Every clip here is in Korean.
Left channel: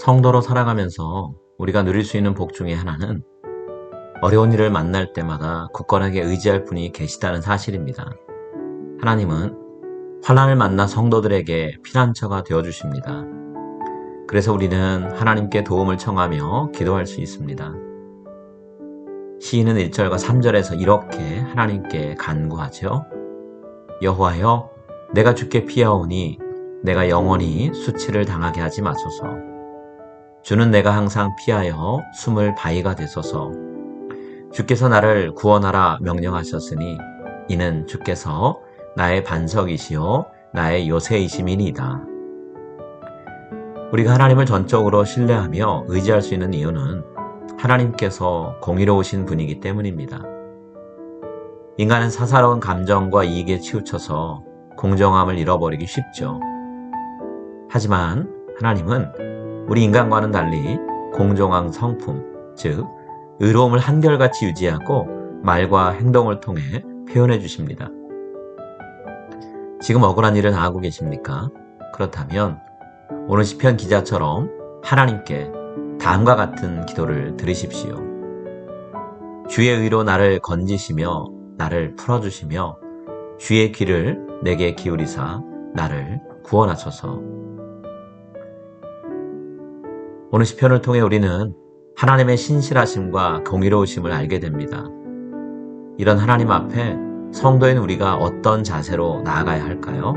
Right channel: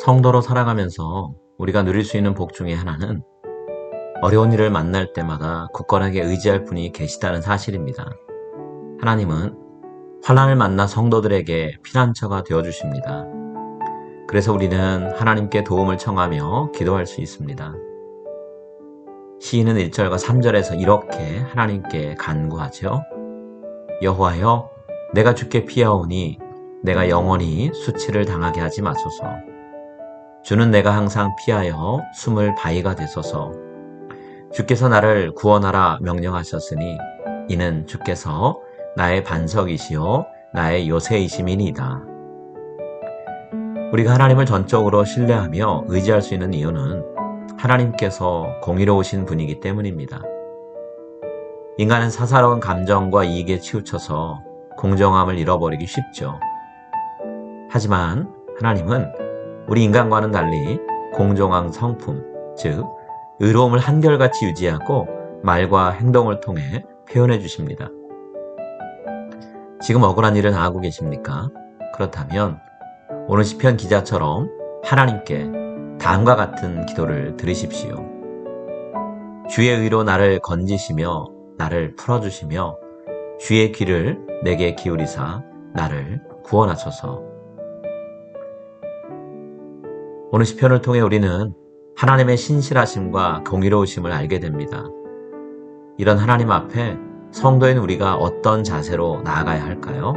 성도로 살아가면서 우리가 누릴 수 있는 복 중에 하나는 어려운 일을 만날 때마다 굳건하게 의지할 분이 계시다는 사실입니다. 하나님은 환란을 만나 성도들에게 피난처가 되어 주십니다. 그래서 우리는 하나님께 도움을 청하며 기도할 수 있습니다. 시인은 1절과 3절에서 이렇게 하나님께 간구하죠. 여호와여 내가 주께 피하오니 내가 영원히 수치를 당하게 하지 마소서. 주는 내가 항상 피하여 숨을 바위가 되소서. 주께서 나를 구원하라 명령하셨으니 이는 주께서 나의 반석이시요 나의 요새이심이니이다. 우리가 하나님을 전적으로 신뢰하며 의지할 수 있는 이유는 하나님께서 공의로우신 분이기 때문입니다. 인간은 사사로운 감정과 이익에 치우쳐서 공정함을 잃어버리기 쉽죠. 하지만 하나님은 우리 인간과는 달리 공정한 성품, 즉, 의로움을 한결같이 유지하고 말과 행동을 통해 표현해 주십니다. 지금 억울한 일을 당하고 계십니까? 그렇다면 오늘 시편 기자처럼 하나님께 다음과 같은 기도를 들으십시오. 주의 의로 나를 건지시며 나를 풀어주시며 주의 귀를 내게 기울이사 나를 구원하소서. 오늘 시편을 통해 우리는 하나님의 신실하심과 공의로우심을 알게 됩니다. 이런 하나님 앞에 성도인 우리가 어떤 자세로 나아가야 할까요?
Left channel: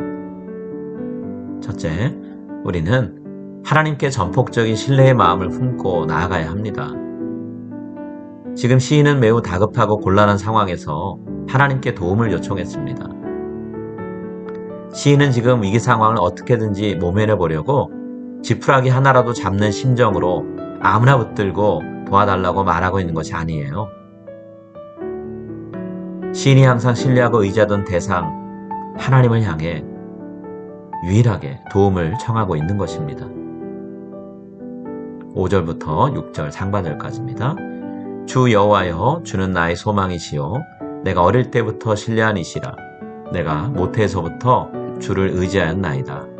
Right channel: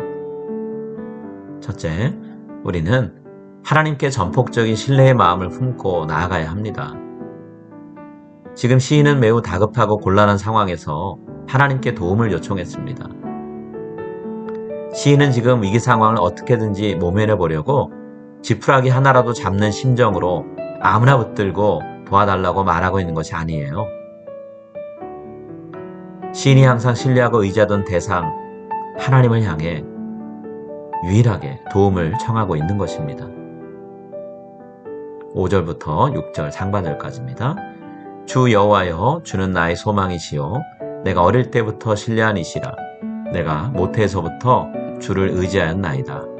첫째, 우리는 하나님께 전폭적인 신뢰의 마음을 품고 나아가야 합니다. 지금 시인은 매우 다급하고 곤란한 상황에서 하나님께 도움을 요청했습니다. 시인은 지금 위기 상황을 어떻게든지 모면해 보려고 지푸라기 하나라도 잡는 심정으로 아무나 붙들고 도와달라고 말하고 있는 것이 아니에요. 시인이 항상 신뢰하고 의지하던 대상, 하나님을 향해 유일하게 도움을 청하고 있는 것입니다. 5절부터 6절 상반절까지입니다. 주 여호와여 주는 나의 소망이시요 내가 어릴 때부터 신뢰한 이시라 내가 모태에서부터 주를 의지하였나이다.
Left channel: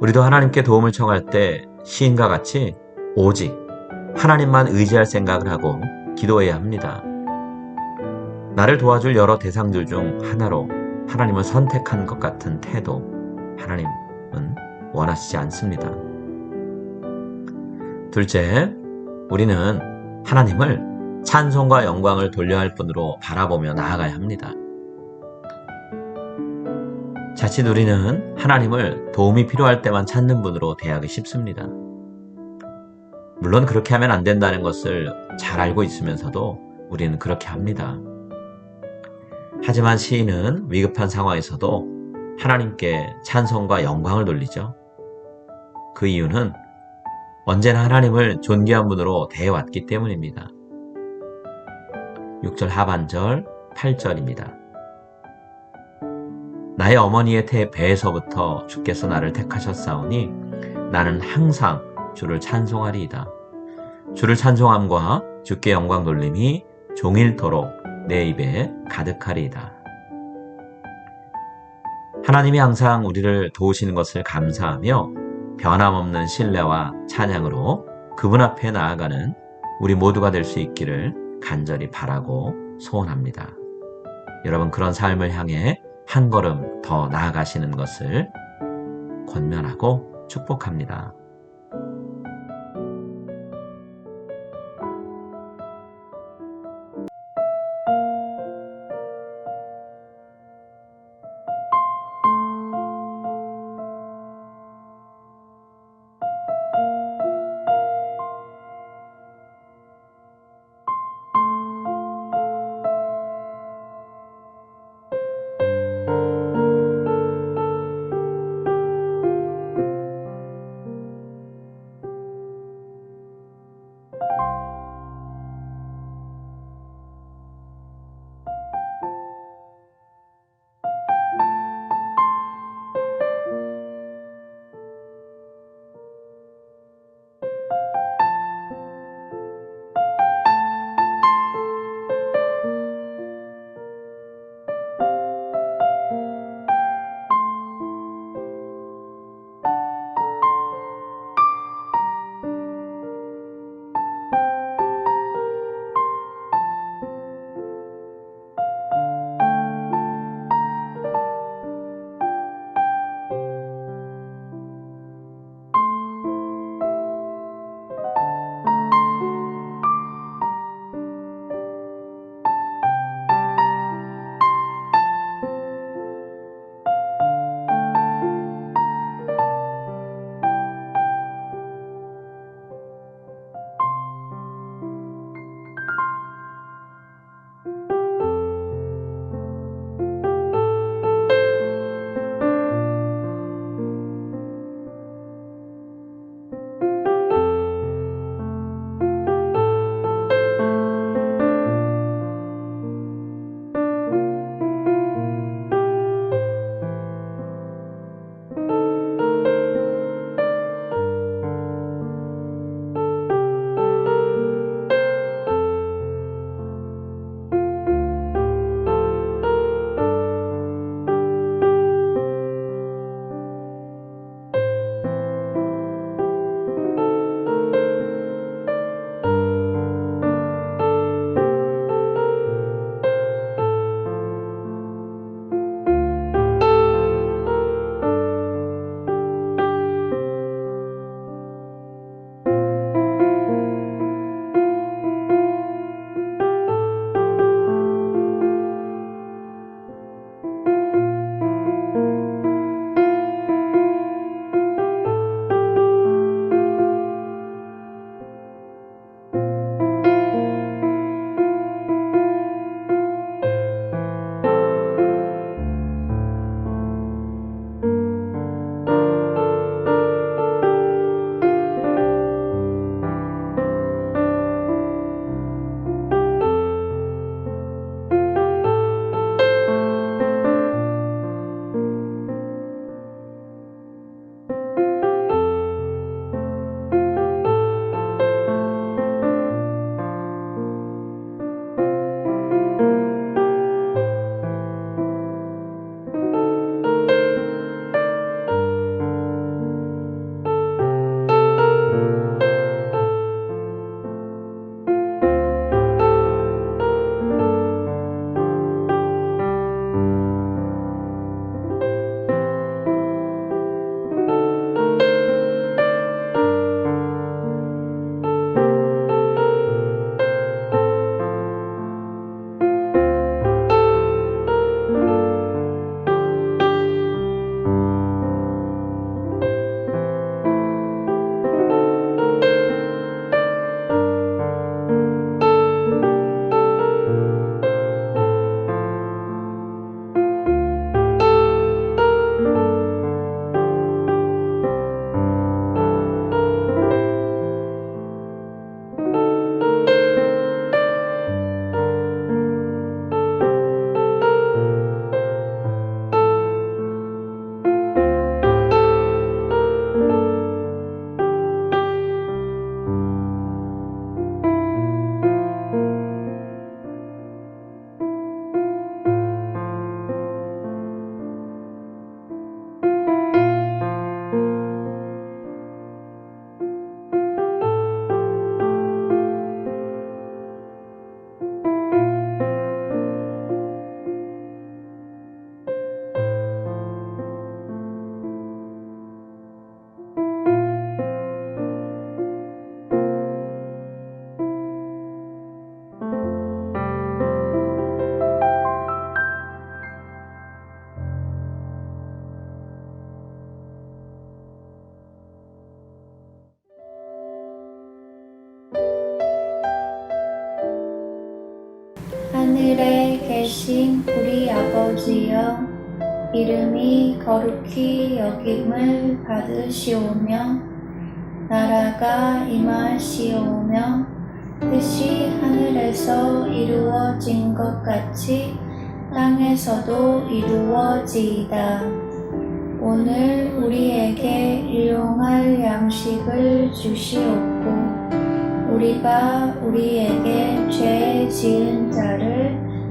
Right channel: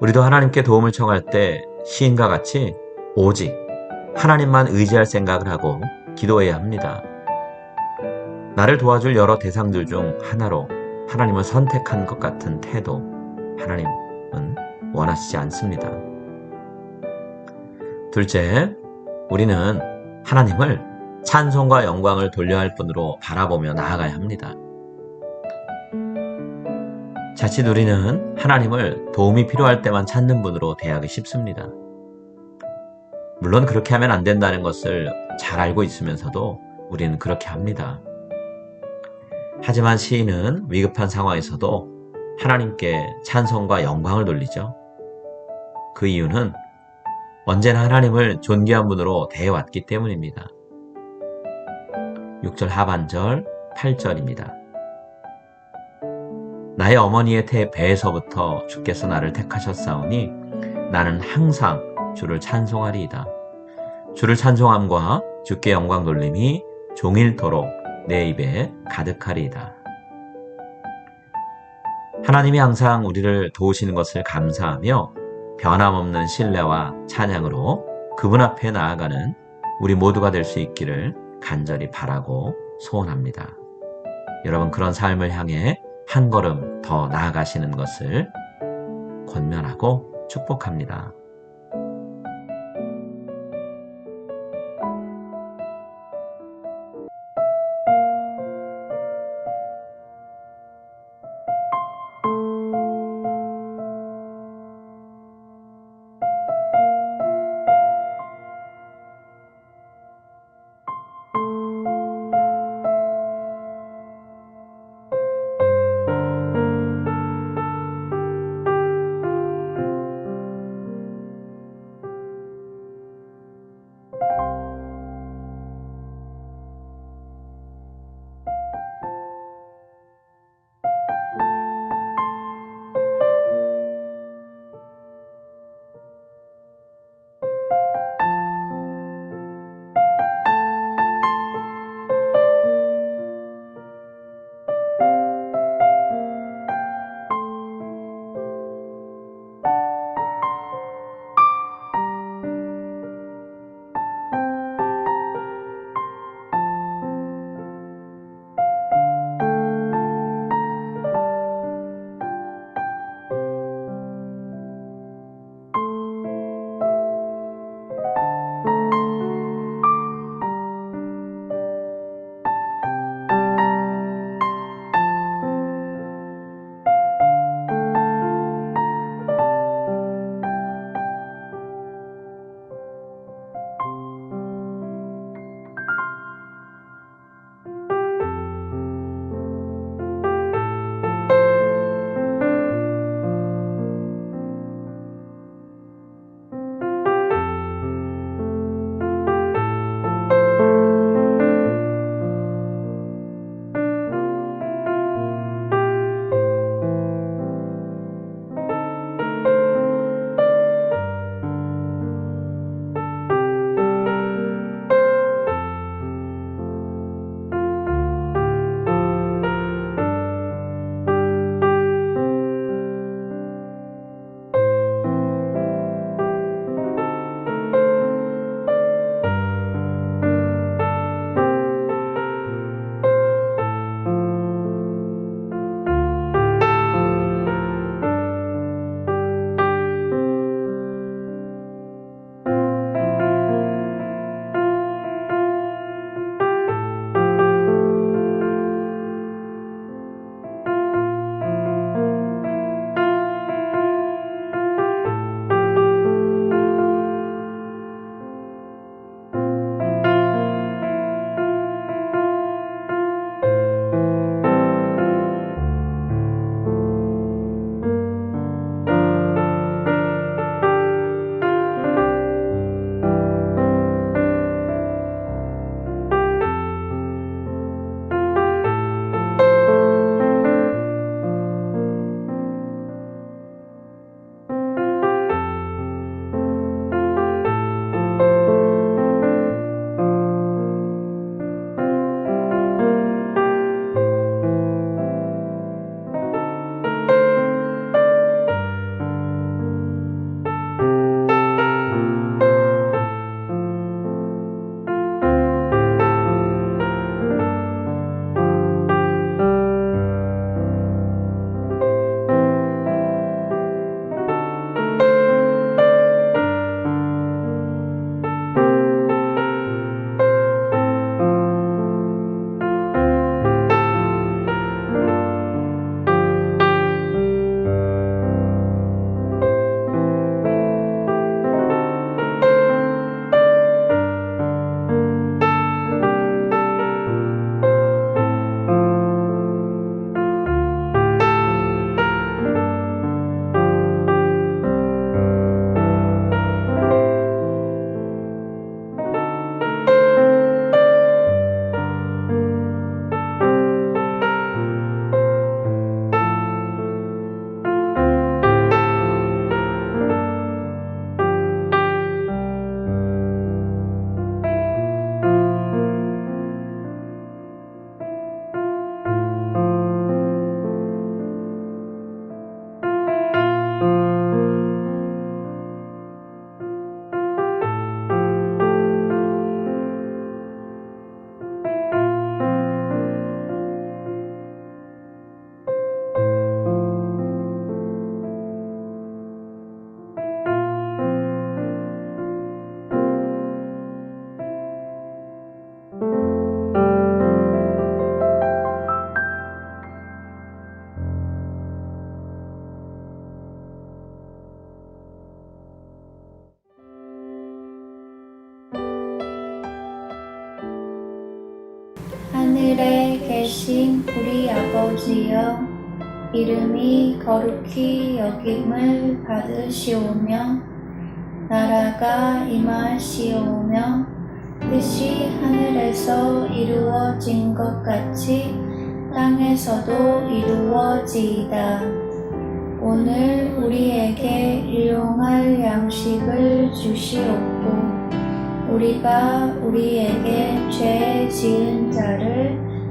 우리도 하나님께 도움을 청할 때 시인과 같이 오직 하나님만 의지할 생각을 하고 기도해야 합니다. 나를 도와줄 여러 대상들 중 하나로 하나님을 선택한 것 같은 태도, 하나님은 원하시지 않습니다. 둘째, 우리는 하나님을 찬송과 영광을 돌려야 할 분으로 바라보며 나아가야 합니다. 자칫 우리는 하나님을 도움이 필요할 때만 찾는 분으로 대하기 쉽습니다. 물론 그렇게 하면 안 된다는 것을 잘 알고 있으면서도 우리는 그렇게 합니다. 하지만 시인은 위급한 상황에서도 하나님께 찬송과 영광을 돌리죠. 그 이유는 언제나 하나님을 존귀한 분으로 대해왔기 때문입니다. 6절 하반절 8절입니다. 나의 어머니의 태 배에서부터 주께서 나를 택하셨사오니 나는 항상 주를 찬송하리이다. 주를 찬송함과 주께 영광 돌림이 종일토록 내 입에 가득하리이다. 하나님이 항상 우리를 도우시는 것을 감사하며 변함없는 신뢰와 찬양으로 그분 앞에 나아가는 우리 모두가 될 수 있기를 간절히 바라고 소원합니다. 여러분 그런 삶을 향해 한 걸음 더 나아가시는 것을 권면하고 축복합니다. 아버지여 이름이 거룩히 여김을 받으시오며 나라가 임하시오며 뜻이 하늘에서 이루어진 것 같이 땅에서도 이루어지이다. 오늘 우리에게 일용할 양식을 주시옵고 우리가 우리에게 죄 지은 자를